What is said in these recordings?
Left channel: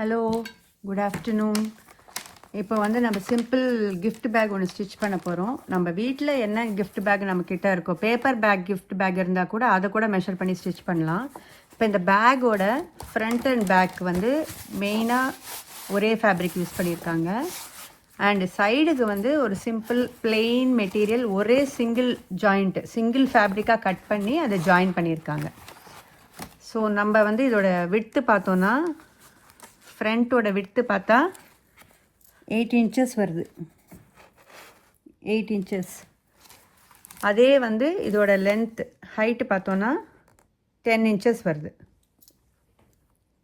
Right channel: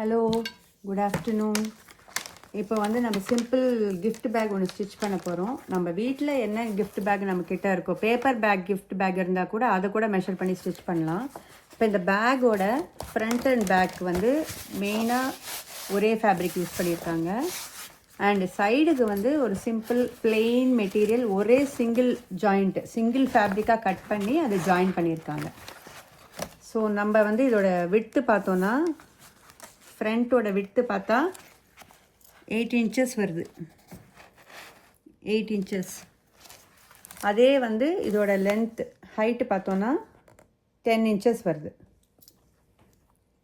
Hello, good afternoon. இப்போ வந்து நம்ம சிம்பிள் கிஃப்ட் பேக் ஒன்று ஸ்டிச் பண்ண போகிறோம். நம்ம வீட்டில் என்ன கிஃப்ட் பேக் நம்மக்கிட்ட இருக்கோ, பேப்பர் பேக் கிஃப்ட் பேக் இருந்தால் கூட அதை கூட மெஷர் பண்ணி ஸ்டிச் பண்ணலாம். இப்போ இந்த பேக்கோட ஃப்ரண்ட் அண்ட் பேக் வந்து மெயினாக ஒரே ஃபேப்ரிக் யூஸ் பண்ணியிருக்காங்க. அண்ட் சைடுக்கு வந்து ஒரு சிம்பிள் பிளெயின் மெட்டீரியல் ஒரே சிங்கிள் ஃபேப்ரிக்காக கட் பண்ணி அதை ஜாயின் பண்ணியிருக்காங்க. ஸோ நம்ம வந்து இதோட விட்த்து பார்த்தோன்னா, ஃப்ரண்ட்டோட விட்த்து பார்த்தா 8 inches வருது. 8 inches. அதே வந்து இதோட லென்த் ஹைட்டு பார்த்தோன்னா 10 inches வருது.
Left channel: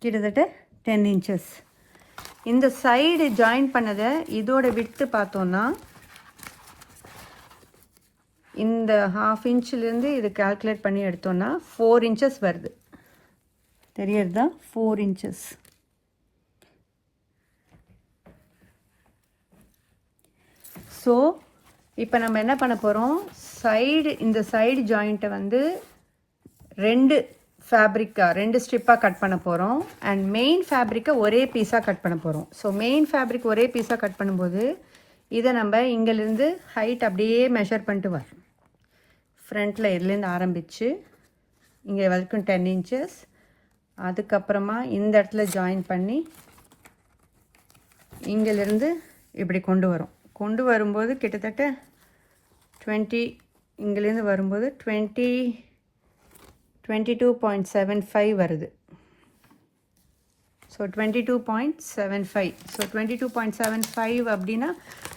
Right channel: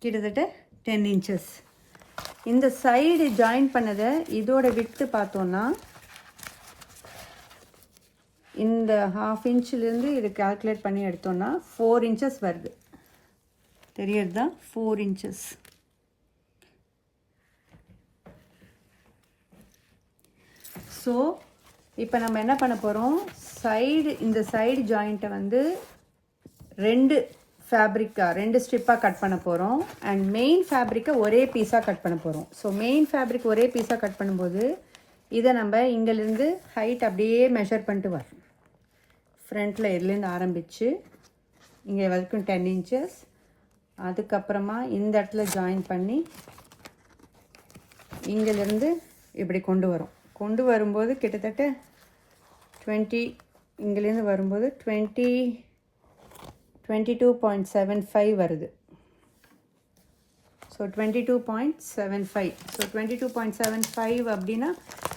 கிட்டத்தட்ட 10 inches. இந்த சைடு ஜாயின் பண்ணதை இதோட விட்த்து பார்த்தோன்னா, இந்த 1/2 inchலேருந்து இது கால்குலேட் பண்ணி எடுத்தோன்னா 4 inches வருது. தெரியறதா? 4 inches. ஸோ இப்போ நம்ம என்ன பண்ண போகிறோம், இந்த சைடு ஜாயிண்ட்டை வந்து ரெண்டு ஸ்ட்ரிப்பாக கட் பண்ண போகிறோம். அண்ட் மெயின் ஃபேப்ரிக்கை ஒரே பீஸாக கட் பண்ண போகிறோம். ஸோ மெயின் ஃபேப்ரிக் ஒரே பீஸாக கட் பண்ணும்போது இதை நம்ம இங்கேருந்து ஹைட் அப்படியே மெஷர் பண்ணிட்டு வரோம். ஃப்ரண்ட்டில் இதுலேருந்து ஆரம்பித்து இங்கே வரைக்கும் 10 inches. அதுக்கப்புறமா இந்த இடத்துல ஜாயின் பண்ணி இங்கேருந்து இப்படி கொண்டு வரும்போது கிட்டத்தட்ட 20, இங்கேருந்து வரும்போது 22.75 வருது. ஸோ 22.75. ஸோ 22.75 அப்படின்னா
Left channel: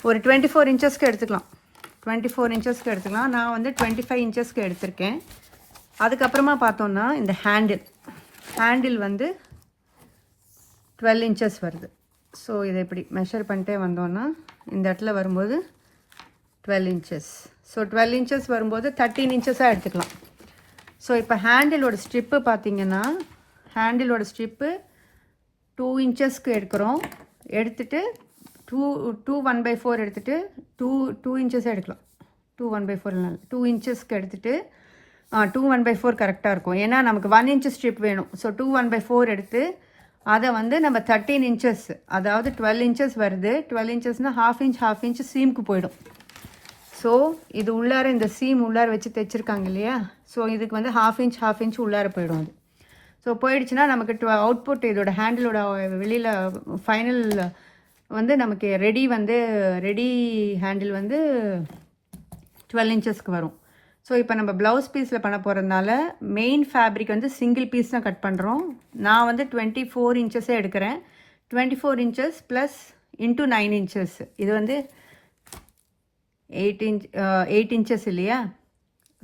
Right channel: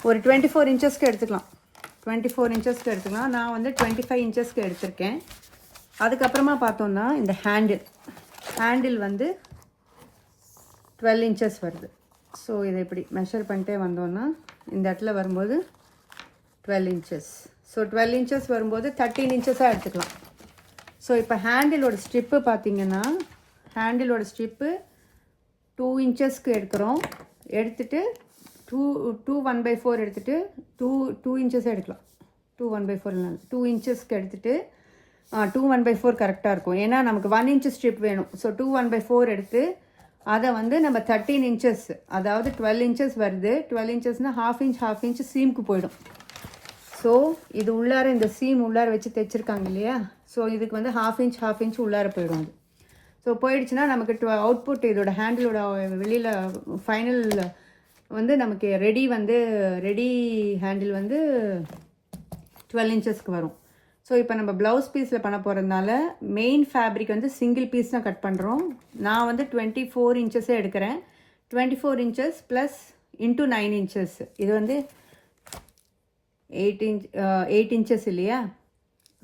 ஒரு 24 inchesக்கு எடுத்துக்கலாம். 24 inchesக்கு எடுத்துக்கலாம். நான் வந்து 25 inchesக்கு எடுத்திருக்கேன். அதுக்கப்புறமா பார்த்தோன்னா இந்த ஹேண்டில் வந்து 12 inches வருது. ஸோ இதை இப்படி மெஷர் பண்ணிட்டே வந்தோன்னா இந்த இடத்துல வரும்போது 12 inches. ஸோ 12 inches வரும்போது 13 inchesஸாக எடுத்துக்கலாம். ஸோ இப்போ ஹேண்டிலோட ஸ்ட்ரிப்பு பார்த்தீங்கன்னா, ஹேண்டிலோட ஸ்ட்ரிப்பு 2 inchesக்கு எடுக்கிறோம். எடுத்துகிட்டு 2 1/4 எடுத்துகிட்டு 2 inches எடுக்கலாம். 2 1/4 இல்லை, 2 inchesக்கு எடுத்துகிட்டு 2 1/4 கரெக்டாக இருக்கும். ஏன்னா நமக்கு 1 inch ஸ்ட்ரிப் வேணும். ஸோ 2 1/4 எடுத்து அதை வந்து நம்ம 13 inches, அதாவது 12 inches வருது. 12 inchesனால் half inch சீமுக்கு போயிடும். ஸோ இது உள்ளார இந்த சீம் உள்ளார வச்சு தைச்சிருக்காங்க இல்லையா, ஸோ இதுக்கு வந்து half inch உள்ளார போயிடும். ஸோ போயிடுச்சுன்னா நமக்கு அவுட்புட் இதோட ஹேண்டிலோட வெளியில் ஃபைனல் வந்து நமக்கு ரெடி ஹேண்டில் வந்து 12 inchesக்கு வரும். ஸோ இப்போ நம்ம ப்ளவுஸ் பீஸில் பண்ண போகிறதுனால மெயின் ஃபேப்ரிக் வந்து சிங்கிள் பீஸ் தான் கட் பண்ணுறோம். நான் வந்து 24 inchஸே எடுக்கிறேன். 24 inches ப்ளஸ் இன்ட்டு 9 inches. இது வந்து 8 inches இல்லையா.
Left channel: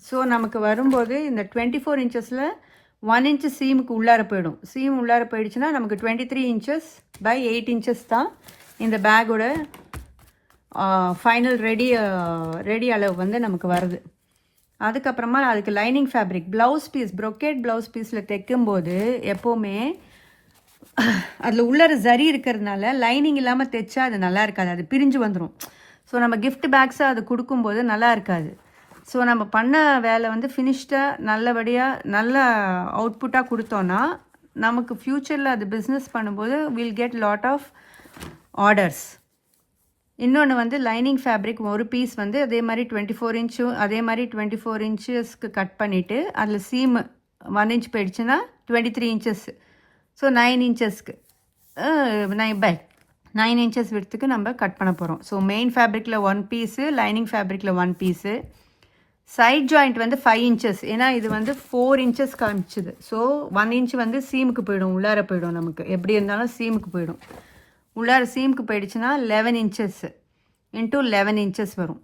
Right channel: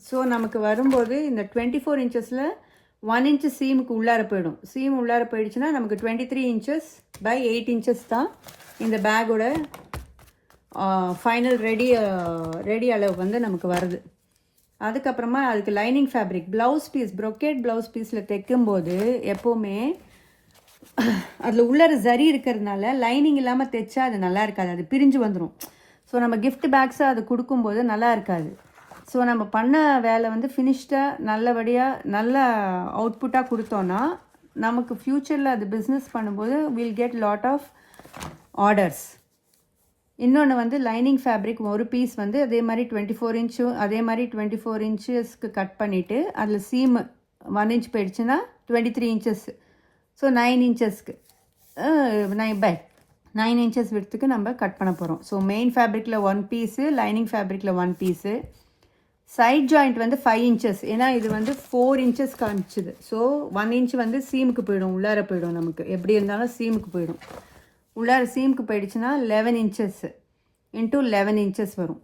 ஸோ நமக்கு வரும்போது இந்த 24 inchஸில் 1 inch சீமுக்கு உள்ளார போயிடும். சீம் உள்ளார போயிடுச்சுன்னா நமக்கு 23 inches by 8 inches தான் இந்த பேக்கோட ஃபைனல் ரெடி அளவு வந்து நமக்கு வருது. அதுக்கப்புறமா அதுக்கு லைனிங் ஃபேப்ரிக் ப்ரொக்கேட் ப்ளவுஸ் பீஸில் தைக்கும்போது எப்போவுமே அதில் உள்ளார ஜரி இருக்கிறதுனால லைனிங் இல்லாமல் தைச்சா அது நல்லா இருக்காது, அது பிரிஞ்சு வந்துடும். ஸோ நம்ம கிஃப்ட் பேக்ஸை அது கொடுக்கும்போது நல்லா இருக்காது. ஸோ நம்ம பண்ண வேலை வந்து ஃபினிஷ்டாக நல்ல அவுட்புட்டாக கொடுத்தோன்னா நமக்கு ஃப்யூச்சரில் அது பிஸ்னஸ் பண்ணும்போது will get lot of orders. இன்னொன்று வந்து லைனிங் ஃபேப்ரிக் ஒரு பீஸ் வந்து அதே மாதிரி 24 inchesக்கு கட் பண்ணிவிட்டு அதில் சீம் 1 inch போயிடுச்சுன்னா 23 inches. ஸோ 9 inchesக்கு 9 inches விடத்துக்கு நம்ம கட் பண்ண போகிறோம். ஸோ மெயின் ஃபேப்ரிக்கில் 1 பீஸு, லைனிங் ஃபேப்ரிக்கில் 1 பீஸு. சைட் ஜாயிண்ட் வந்து 5 inches, ஏன்னா இது வந்து 4 inches காமிச்சுது. ஸோ 1 inch வந்து சீமுக்கு போயிடும், உள்ளார போயிடும். நமக்கு எப்படி இருந்தாலும் சீமுக்கு போயிடும். உள்ளார சீமுக்கு போயிடுச்சுன்னா 11 inches இன்ட்டு 11 inches வரும்.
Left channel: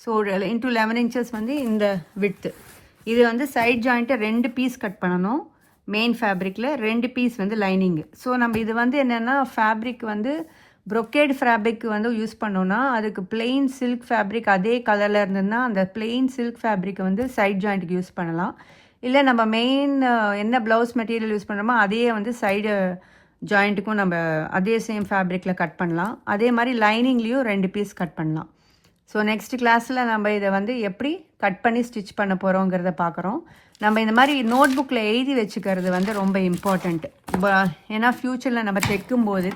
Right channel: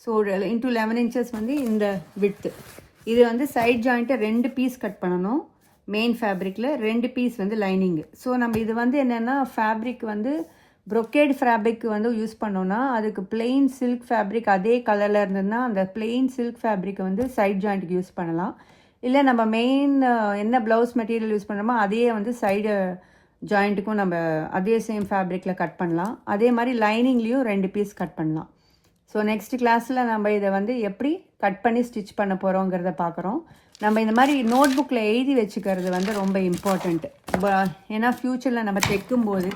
ஸோ இன்ட்டு 11 inches வந்து இந்த விட்த்து. இது வந்து சைட் ஜாயிண்ட்டை 2 பீஸ் கட் பண்ணணும். மெயின் ஃபேப்ரிக்கில் 2 பீஸ் வந்து லைனிங்கு. ஸோ நம்ம இது வந்து என்னென்னா ஃபேப்ரிக் வந்து ப்ரொக்கேட் ஃபேப்ரிக் வந்து யூஸ் பண்ணோன்னா அதுக்கு பிளெயின் சில்க் ஃபேப்ரிக் அதே கலரில் இருந்ததுன்னா அந்த பிளெயின் சில்க் ஃபேப்ரிக்கை வந்து சைட் ஜாயிண்ட்டுக்கு யூஸ் பண்ணலாம். இல்லை நம்ம மெயின் என்ன ப்ளவுஸ் மெட்டீரியல் யூஸ் பண்ணுறோமோ அதையே வந்து சைடு ஜாயிண்ட்டுக்கும் நம்ம அதே சேம் ஃபேப்ரிக்கில் கட் பண்ணலாம். அதே மாதிரி லைனிங்லேயும் 2 பீஸ் கட் பண்ணலாம். ஸோ நெக்ஸ்ட் கிளாஸில் நம்ம இதை வந்து எப்படி கட் பண்ணி ஸ்டிச் பண்ண போகிறோங்கிறத பார்க்குறோம். நம்ம இந்த மாதிரி நோட் புக்கில் எழுதி வச்சுக்கிறது வந்து ரொம்ப இம்பார்ட்டண்ட். ஏன்னா ஃப்யூச்சரில் நம்ம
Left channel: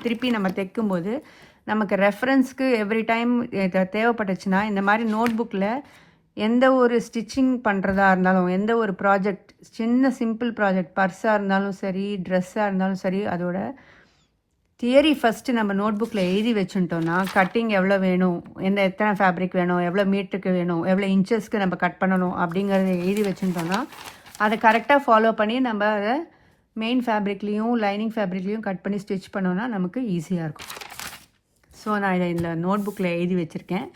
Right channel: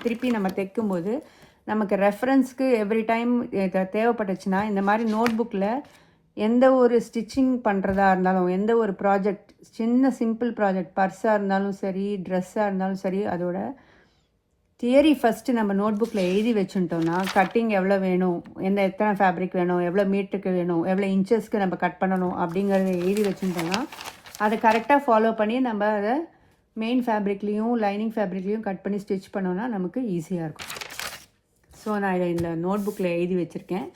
திருப்பி நம்ம தைக்கும்போது நமக்கு ரெஃபரன்ஸ்க்கு எவ்ரி டைம் தேவைப்பட்டுச்சுன்னா இந்த மாதிரி நோட் புக்கில் எந்த ஒரு ஸ்டிச்சிங் பண்ணுறதா இருந்தாலும், எந்த ஒரு ப்ராஜெக்ட், சின்ன சிம்பிள் ப்ராஜெக்ட், பர்ஸாக இருந்தாலும் சரி, ட்ரெஸ்ஸாக இருந்தாலும் சரி, அதோட தியரி ஃபஸ்ட்டு நம்ம நோட் புக்கில் எழுதி வச்சுட்டோம்னா கட்டிங் எவ்வளோ வேணும், எத்தனை ஃபேப்ரிக் வேணும், எவ்வளோ மீட்டருக்கு வேணும், எவ்வளோ இன்ச்சஸ்க்கு நம்ம கட் பண்ணணும் அப்படிங்கிறத எழுதி வச்சுட்டோம்னா அதை கரெக்டாக ஃபாலோ பண்ணி நம்ம அதை மெயின் ஃபேப்ரிக்லேயும் லைனிங் ஃபேப்ரிக்லேயும் கட் பண்ணி ஸ்டிச் பண்ணோன்னா நமக்கு ஈஸியாக இருக்கும். ஸோ நான் இந்த நோட் புக்கில் எழுதி வச்சுருக்கேன்.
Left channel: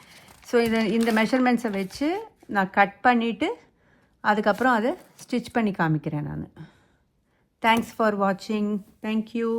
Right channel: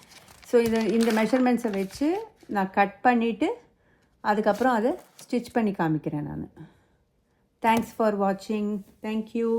ஸோ இந்த மெஷர்மெண்ட்ஸை வச்சு நான் கட் பண்ணிவிட்டு அதுக்கப்புறம் அதை ஸ்டிச் பண்ணி காமிக்கிறேன் நான். தேங்க்ஸ் ஃபார் வாட்சிங். தேங்க்யூ.